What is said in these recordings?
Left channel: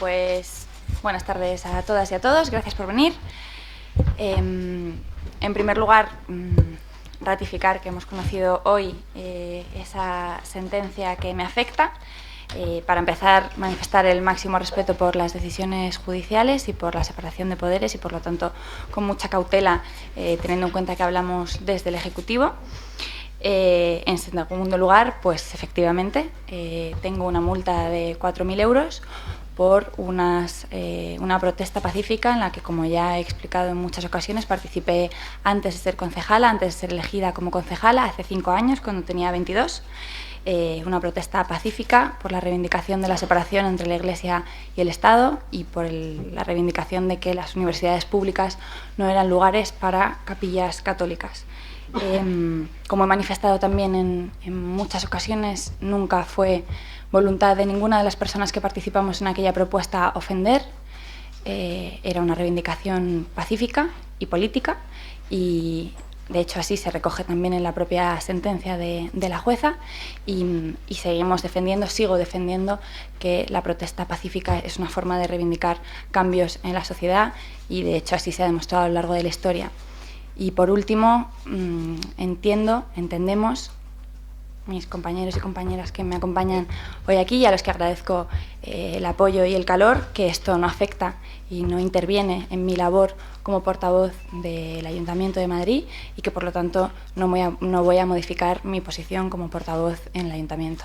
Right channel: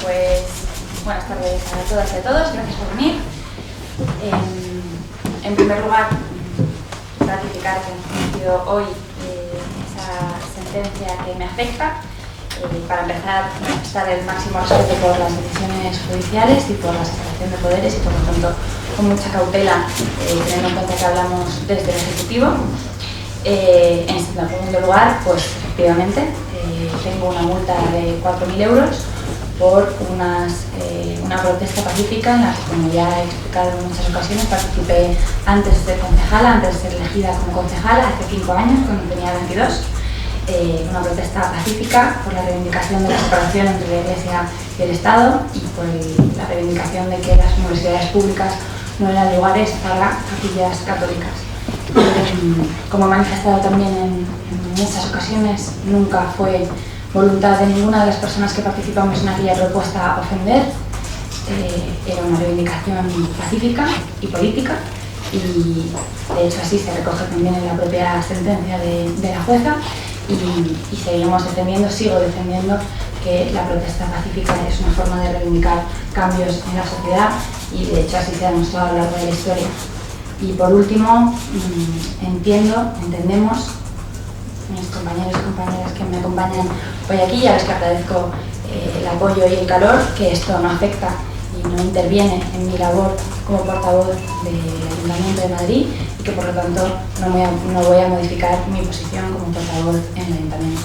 pues buenas tardes a todas y a todos, gracias por venir. En primer lugar, ratificar que hemos conocido hoy esa sentencia que me afecta. Para empezar, manifestar el máximo respeto por las decisiones judiciales y por la separación de poderes y, por lo tanto, con mucha cautela, teniendo en cuenta que hablamos desde el Ejecutivo. En segundo lugar, pues efectivamente, tengo una multa de 4.000 euros por una protesta pacífica en la que, como ya he explicado en muchas ocasiones, participé antes de ser concejala, antes de ser elegida como concejala, hace 5 años, cuando tenía 22. Una protesta pacífica por la reivindicación de la separación entre la Iglesia y el Estado y por la reivindicación de que las universidades públicas no eran lugares para capillas católicas. Como he manifestado también en muchas ocasiones, nunca fue voluntad de ninguna de las personas que participamos en aquella propuesta ofender. Era una reivindicación pacífica y política, y de hecho así se recoge también en la propia sentencia de la jueza, y seguimos defendiendo, sigo defendiendo que la protesta pacífica es una forma de reivindicar cambios en la sociedad, y de hecho así se ha demostrado a lo largo de la historia. Y por último, entendemos, mis compañeros y compañeras que me acompañan hoy aquí, y a los que agradezco el apoyo y el calor, que esto no afecta y no interviene en mi labor como portavoz del Ayuntamiento de Madrid, y que por lo tanto no voy a modificar mi posición como portavoz en el Ayuntamiento.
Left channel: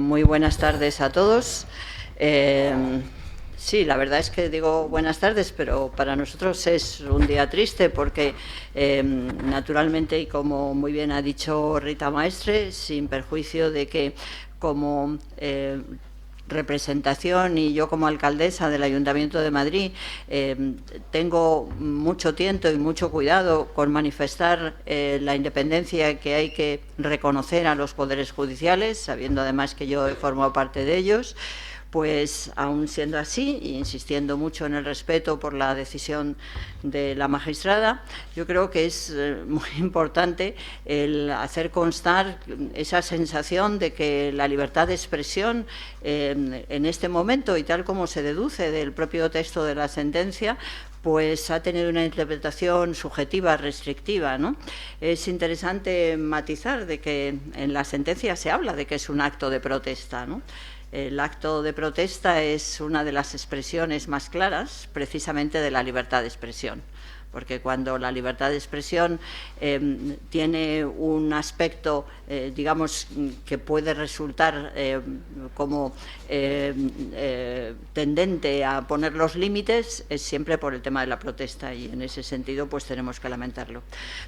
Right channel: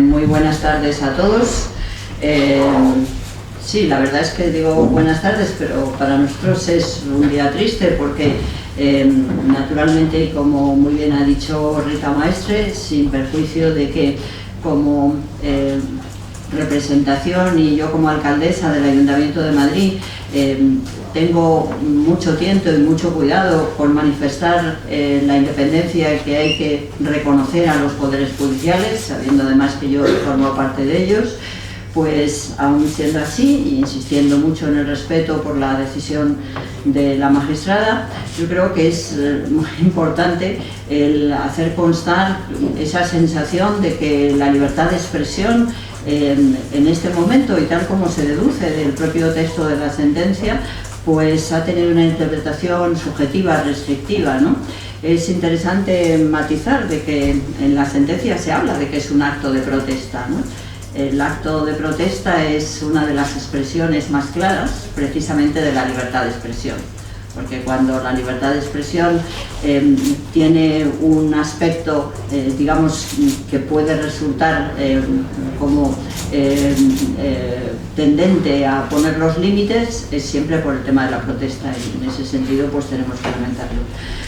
Muy buenas tardes a todos. Sí, la verdad es que digo buenas tardes, pero para nosotros es un día triste porque naturalmente, como muy bien ha dicho Rita Maestre, sin perjuicio de que como representación y yo como alcaldesa del Ayuntamiento de Madrid tengo mucho tiento y mucho cuidado por manifestar la independencia que hay que reconocer a los poderes judiciales, sabiendo además que yo formo parte de ellos. Pues aún siendo así, y insistiendo mucho en el respeto por la decisión de la magistrada, yo creo que es muy importante el hacer constar esa sensación de que la libertad de expresión en este momento, y tal como se deduce del propio texto de la sentencia, pues ha tenido una interpretación subjetiva, restrictiva, ¿no? Es interesante matizar de que en la sentencia se habla de que es un acto de protesta, ¿no? El acto de protesta es una de las expresiones más claras, precisamente, de la libertad de expresión. Porque cuando la libertad de expresión tiene un aspecto, digamos, que puede resultar como tendente a poner los límites, es siempre por el tema de la protesta, y en ese sentido pues tenemos que comentarlo.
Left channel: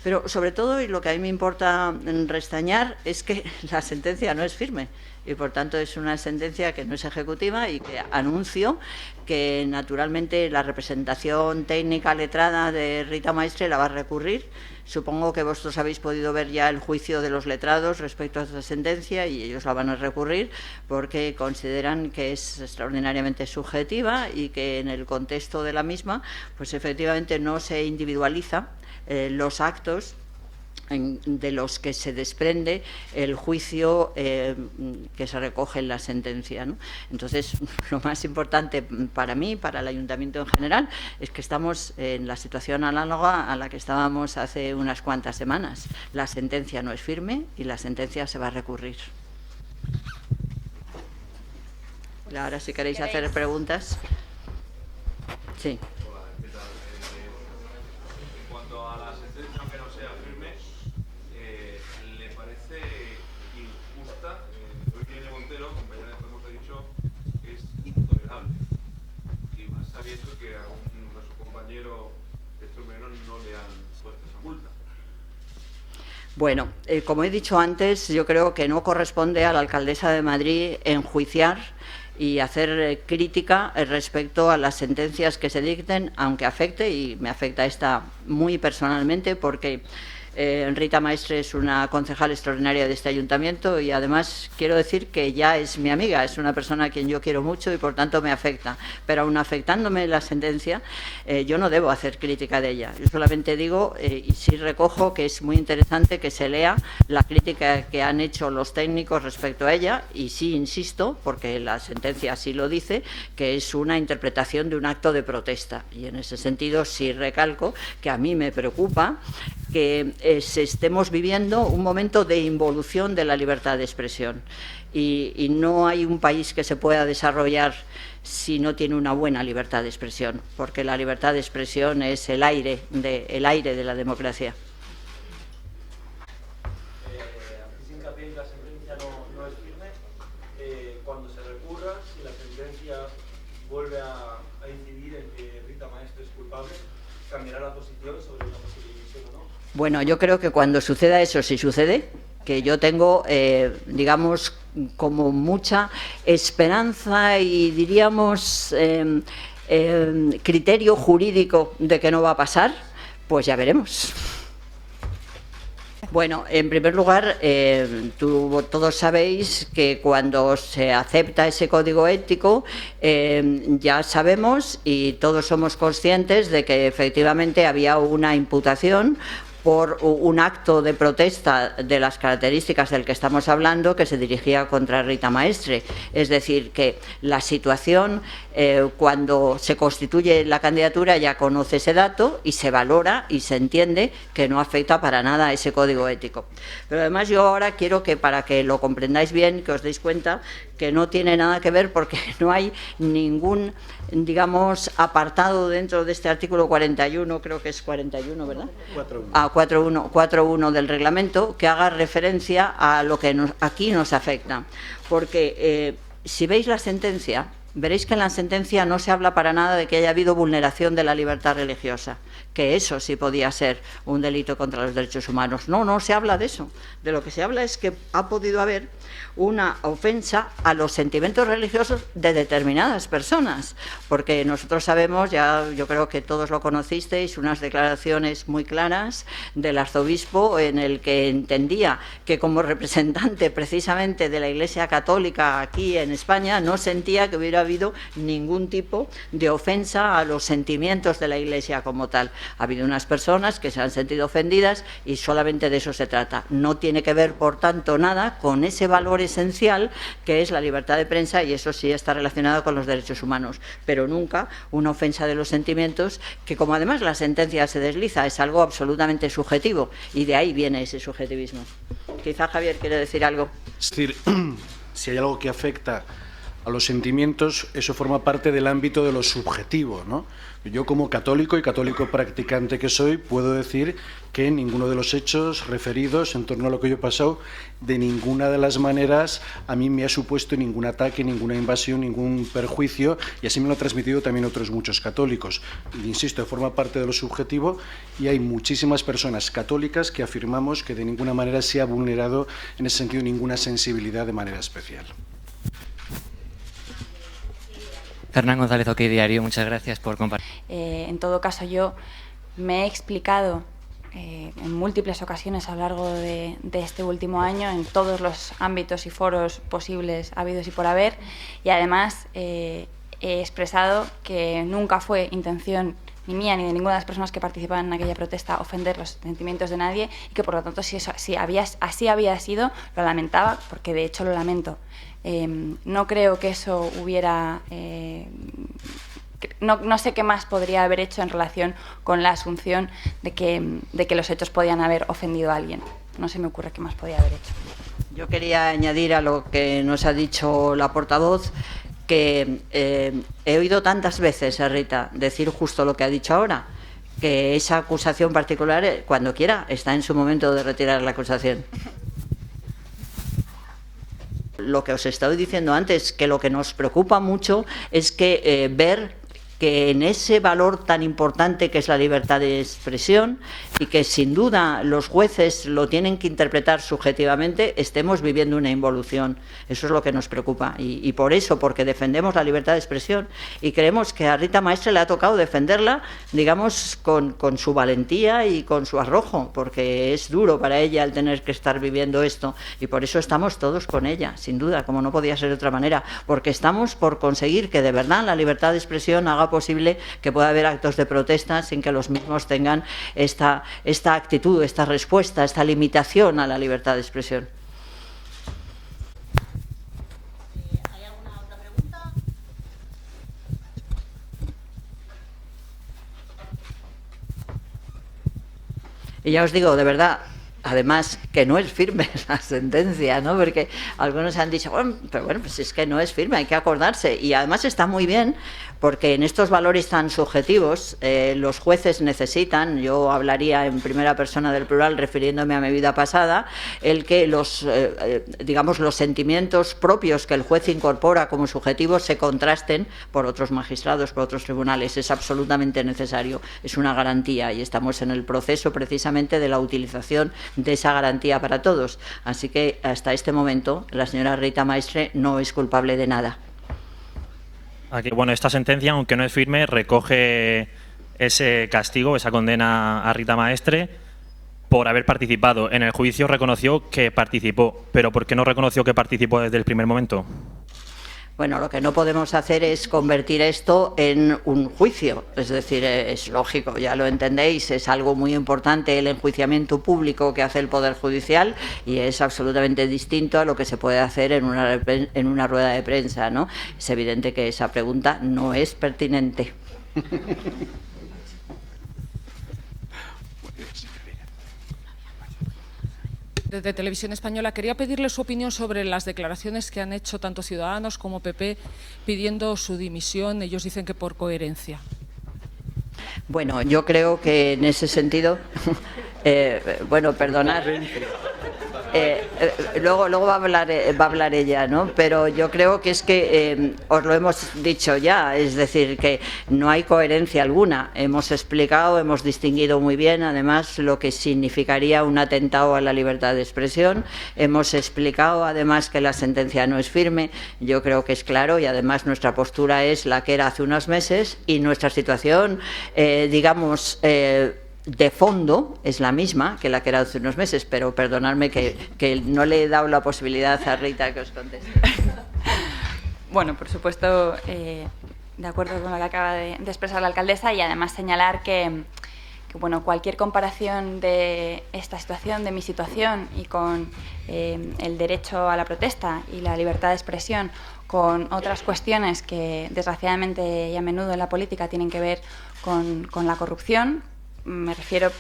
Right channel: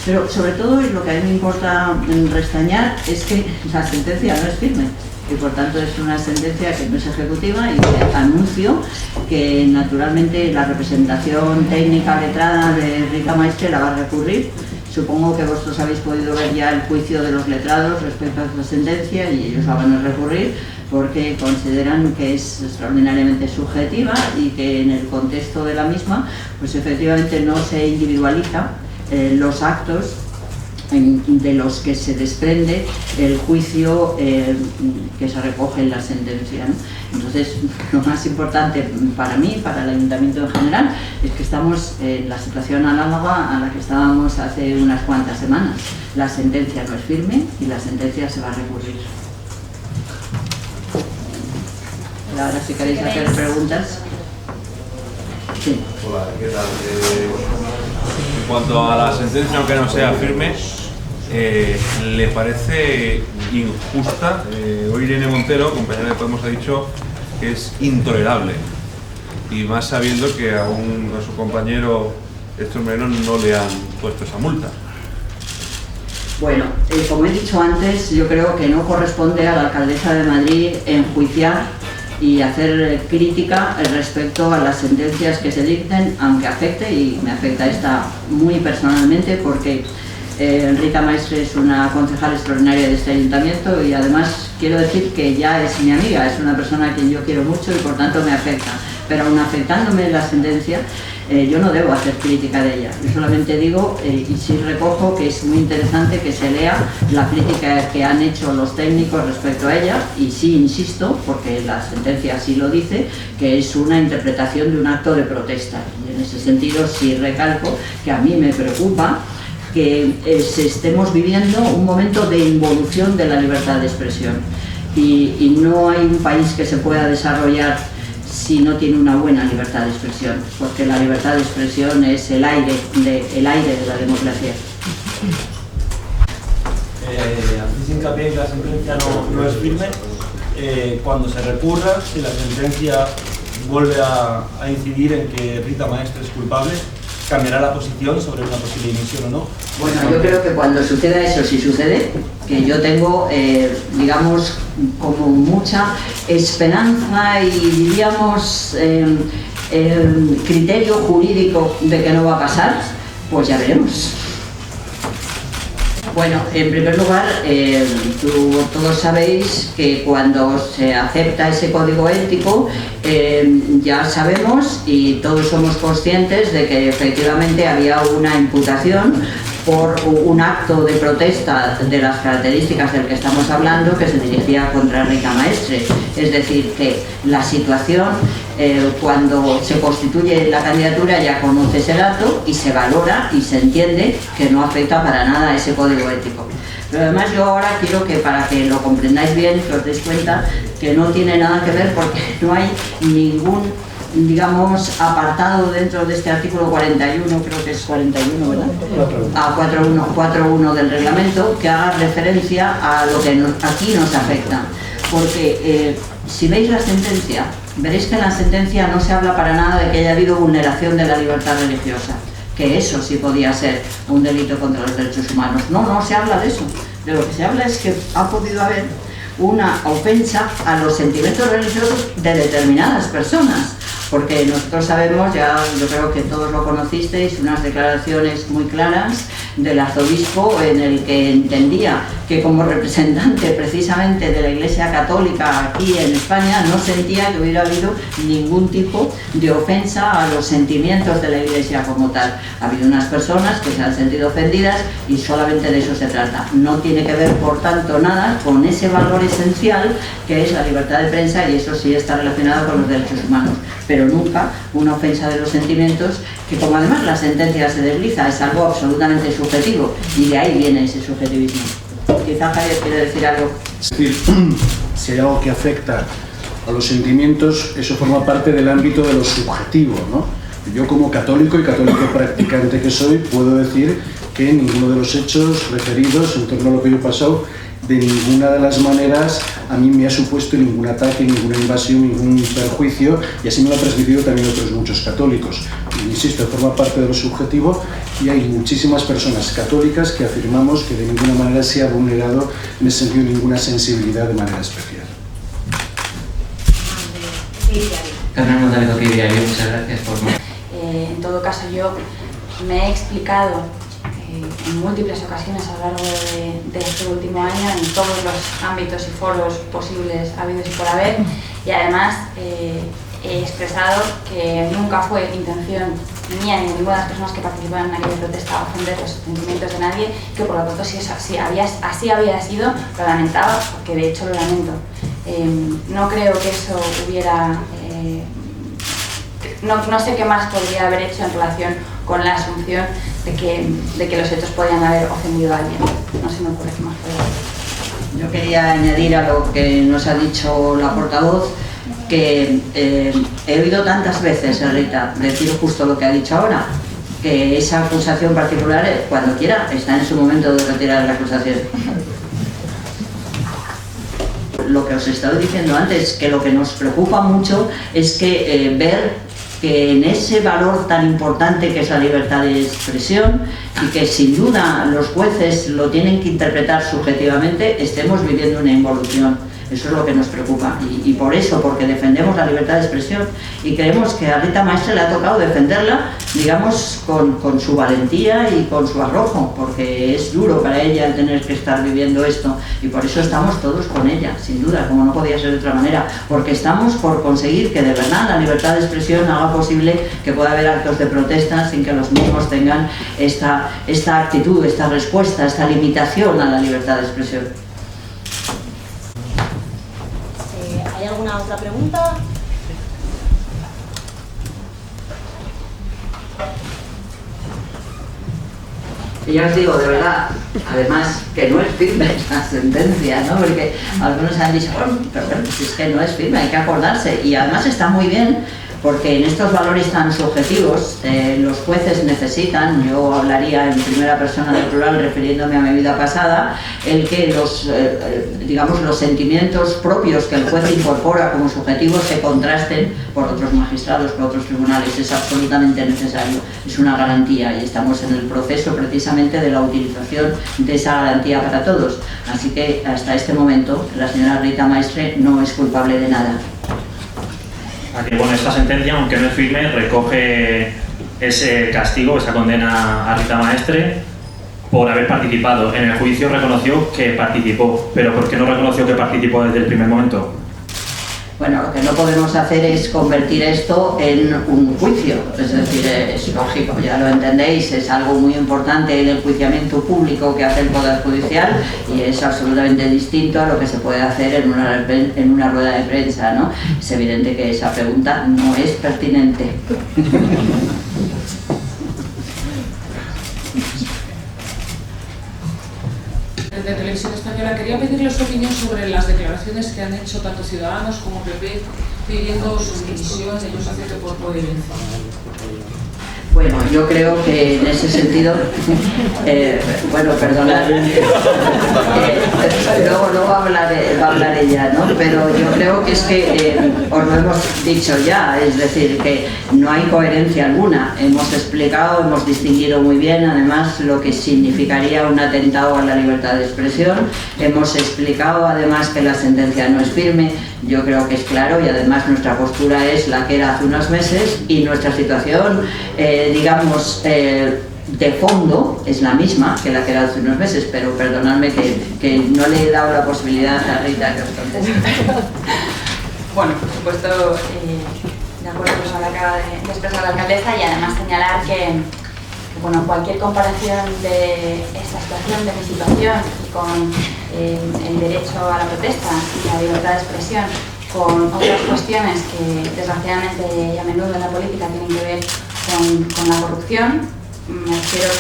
Pero sobre todo, y lo que a mí me importa restañar, es que la sentencia no es firme. Y por tanto es una sentencia que no es ejecutiva, y que anuncio que naturalmente la representación técnica letrada de Rita Maestre la va a recurrir. Supongo que vosotros habéis podido ver ya el juicio de los letrados respecto a esta sentencia, y ellos la van a recurrir porque consideran que es extraordinariamente subjetiva y que en el contexto de la misma pues efectivamente no se individualiza los actos de los que se desprende el juicio que se recoge en la sentencia, ¿no? Entonces, lo más importante para mí, para el Ayuntamiento en general, es que estamos en la situación análoga a la que estábamos hace unas cuantas semanas. La sentencia no es firme y la sentencia se va a recurrir. Y ahora, si queréis hacer preguntas. Sí. Hola, ¿qué tal? En cuanto a la sentencia, aunque no sea firme, ¿le parece injusta? Hoy Irene Montero, compañera de Podemos, ha dicho que es intolerable, y más sabiendo que a su compañero Héctor Moreno no le han puesto esa multa. Bueno, como he dicho antes, yo creo que no corresponde a la alcaldesa de Madrid enjuiciar y hacer crítica respecto a las sentencias que se dicten, aunque afecte, y me afecta esta muy personalmente, porque Rita Maestre es una concejal extraordinaria de este ayuntamiento, y además quiero decir que ya es mi amiga, es una persona a quien yo quiero mucho y por tanto me afecta. Pero aún afectándome la sentencia, yo no debo hacer crítica de ella. Yo solamente digo, y sí recojo, que es muy interesante que se lea la crítica que han hecho los técnicos respecto a ella, y sí insisto, porque la sentencia así lo dice, que es una interpretación de un acto de protesta. Y en ese sentido sí recalco que a mí me preocupa que estemos viviendo un momento de involución de la libertad de expresión. Y no hay un país que se pueda desarrollar si no tiene una buena libertad de expresión, porque la libertad de expresión es el aire de la democracia. Hacéis hincapié en que la sentencia no es firme. Cuando se recurra, si la sentencia vuelve a incidir en que Rita Maestre es culpable, ¿cambiará la posición sobre una posible dimisión o no? Bueno, yo creo que cuando suceda eso, si sucede, que yo tengo, digamos, como mucha esperanza y diríamos el criterio jurídico de que no va a pasar, pues ya veremos. Bueno, en primer lugar, todos sabéis que cuando se acepta ese código ético, ya sabemos y todos somos conscientes de que efectivamente había una imputación por un acto de protesta de las características del que estamos hablando que se dirigía contra Rita Maestre. Es decir, que la situación, cuando se constituye la candidatura, ya conoce ese dato y se valora y se entiende que no afecta para nada a ese código ético. Pero además yo ahora quiero que, para que lo comprendáis bien, que os deis cuenta que no tiene nada que ver, porque no hay ningún, digamos, apartado dentro de este artículo 41, creo que es 41, ¿verdad? 4.1 del reglamento, que haga referencia a lo que aquí nos afecta. Porque si veis la sentencia, veréis que en la sentencia no se habla para nada de que haya habido vulneración de la libertad religiosa, que eso sí podía ser un delito contra los derechos humanos. No se habla de eso. De lo que se habla es que ha podido haber una ofensa a los sentimientos religiosos de determinadas personas, porque nosotros sabemos, ya yo creo que todos lo conocisteis, unas declaraciones muy claras del arzobispo en el que entendía que como representante precisamente de la Iglesia Católica aquí en España no sentía que hubiera habido ningún tipo de ofensa a los sentimientos de la Iglesia como tal. Ha habido unas personas que se han sentido ofendidas y solamente de eso se trata. No tiene que ver, por tanto, nada con ese valor esencial que es la libertad de prensa, y eso sí está relacionado con los derechos humanos, pero nunca una ofensa de los sentimientos, que como además la sentencia se desliza, es algo absolutamente subjetivo, y de ahí viene ese subjetivismo. Quizá Javier quiere decir algo. Es decir, si hay algo que afecta a los sentimientos, eso forma parte del ámbito de lo subjetivo, ¿no? Yo, como católico y católico practicante que soy, puedo decir que ninguno de los hechos referidos en torno a lo que yo he pasado, de ninguna de las maneras a mí me ha supuesto ningún ataque, ninguna invasión, ningún perjuicio, y así me lo han transmitido también otros muchos católicos. Y, insisto, forma parte de lo subjetivo, y hay muchísimas personas católicas que afirmamos que de ninguna manera se ha vulnerado en ese sentido ninguna sensibilidad de manera especial. Fernando del Cotidiario, muchas gracias por... En todo caso, yo me he explicado en múltiples ocasiones a lo largo de este último año en todos los ámbitos y foros posibles habidos y por haber, y además he expresado que nunca fue intención mía ni de ninguna de las personas que participaban en aquella protesta ofender los sentimientos de nadie, que por lo tanto si eso así había sido, lo lamentaba, porque de hecho lo lamento. No creo que eso hubiera... No sé qué más podría haber hecho en relación con la asunción de que los hechos podían haber ofendido a alguien. No se me ocurre qué más podría haber. Yo quería añadir a lo que nos ha dicho la portavoz, que he oído tantas veces a Rita decir justo lo que ha dicho ahora, que esa acusación particular, cuando quiera, está en su momento de retirar la acusación. Lo que os he estado diciendo antes, que lo que nos preocupa mucho es que ver que en ese valor tan importante que es la libertad de expresión, y que sin duda los jueces lo tienen que interpretar subjetivamente, estemos viviendo una involución. Eso es lo que nos preocupa y por eso, porque defendemos la libertad de expresión y creemos que a Rita Maestre le ha tocado defenderla, digamos, con su valentía y con su arrojo, porque es duro para ella el tener que estar viviendo esto y por eso estamos todos con ella, sin duda, como no podía ser de otra manera, porque estamos por conseguir que de verdad la libertad de expresión haga posible que pueda haber actos de protesta sin que los mismos tengan esta actitud, esta respuesta, esta limitación a la libertad de expresión. ¿Hay alguna otra pregunta? Y ya os digo, de verdad, además, que no es firme la sentencia, ¿no? Porque algunos han dicho, bueno, pero bueno, si es que no es firme, hay que acordarse. Y además está muy bien, porque en estos valores tan subjetivos, los jueces necesitan, yo hablaría en primera persona del plural refiriéndome a mi vida pasada, el que digamos, los sentimientos propios que el juez incorpora como subjetivos se contrasten por otros magistrados, por otros tribunales. Es absolutamente necesario, es una garantía y estamos en el proceso precisamente de la utilización de esa garantía para todos. Así que hasta este momento la señora Rita Maestre no es culpable de nada. Bueno, esta sentencia, aunque no es firme, recoge ese castigo, esa condena a Rita Maestre por haber participado. En el juicio reconoció que participó, pero ¿por qué no reconoció que participó desde el primer momento? Bueno, lo que no podemos hacer es convertir esto en un juicio, es decir, es lógico, ya lo entendéis, es algo muy importante el enjuiciamiento público que hace el Poder Judicial y es absolutamente distinto a lo que se puede hacer en una rueda de prensa, ¿no? Es evidente que esa pregunta no es pertinente. De Televisión Española, quería pedirle su opinión sobre las declaraciones que han hecho tanto Ciudadanos como PP pidiendo su dimisión, ellos hacen que por coherencia. Bueno, yo creo que en ese sentido, bueno, perdonad, luego va a hablar ella, ¿no? Pero yo creo que es que os lo hemos dicho ya, es decir, que no hay coherencia alguna. Hemos explicado, hemos distinguido muy bien, además, lo que significaría un atentado a la libertad de expresión. Hemos explicado, además, que la sentencia no es firme. Yo creo que es claro y además nuestra postura es la que era hace unos meses y nuestra situación, digamos, de fondo es la misma que la que era hace unos meses, pero perdonadme que no le he dado la posibilidad a Rita que os conteste. Bueno, por supuesto, de acuerdo con lo que acaba de expresar la alcaldesa y además señalar que bueno, cualquier comparación de esta situación, de mi situación y con el derecho a la protesta y la libertad de expresión con otras cuestiones que desgraciadamente y a menudo en la política tienen que ver con la corrupción, me refiero a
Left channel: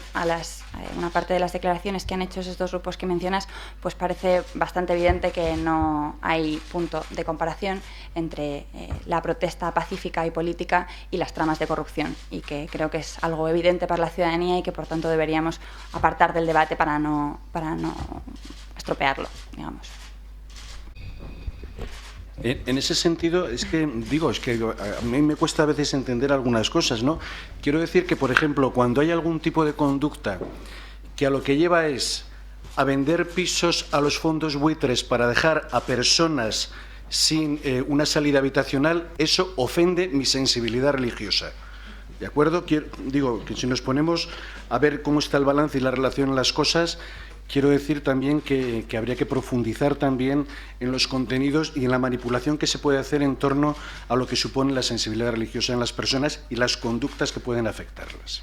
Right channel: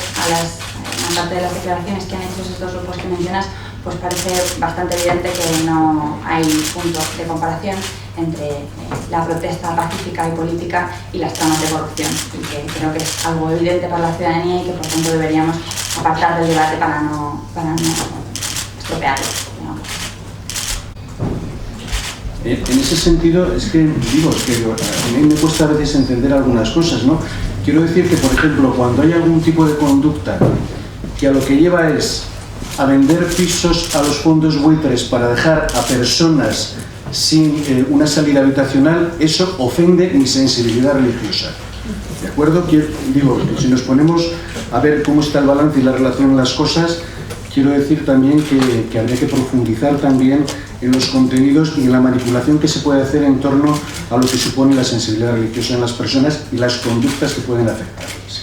una parte de las declaraciones que han hecho esos dos grupos que mencionas, pues parece bastante evidente que no hay punto de comparación entre la protesta pacífica y política y las tramas de corrupción, y que creo que es algo evidente para la ciudadanía y que por tanto deberíamos apartar del debate para no estropearlo, digamos. En ese sentido, es que a mí me cuesta a veces entender algunas cosas, ¿no? Quiero decir que, por ejemplo, cuando hay algún tipo de conducta que a lo que lleva es a vender pisos a los fondos buitres para dejar a personas sin una salida habitacional, eso ofende mi sensibilidad religiosa. ¿De acuerdo? Digo, que si nos ponemos a ver cómo está el balance y la relación en las cosas, quiero decir también que habría que profundizar también en los contenidos y en la manipulación que se puede hacer en torno a lo que supone la sensibilidad religiosa en las personas y las conductas que pueden afectarles.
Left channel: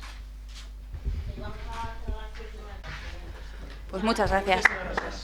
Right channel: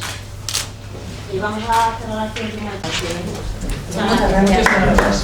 Y vamos a cerrar aquí el primer. Muchas gracias.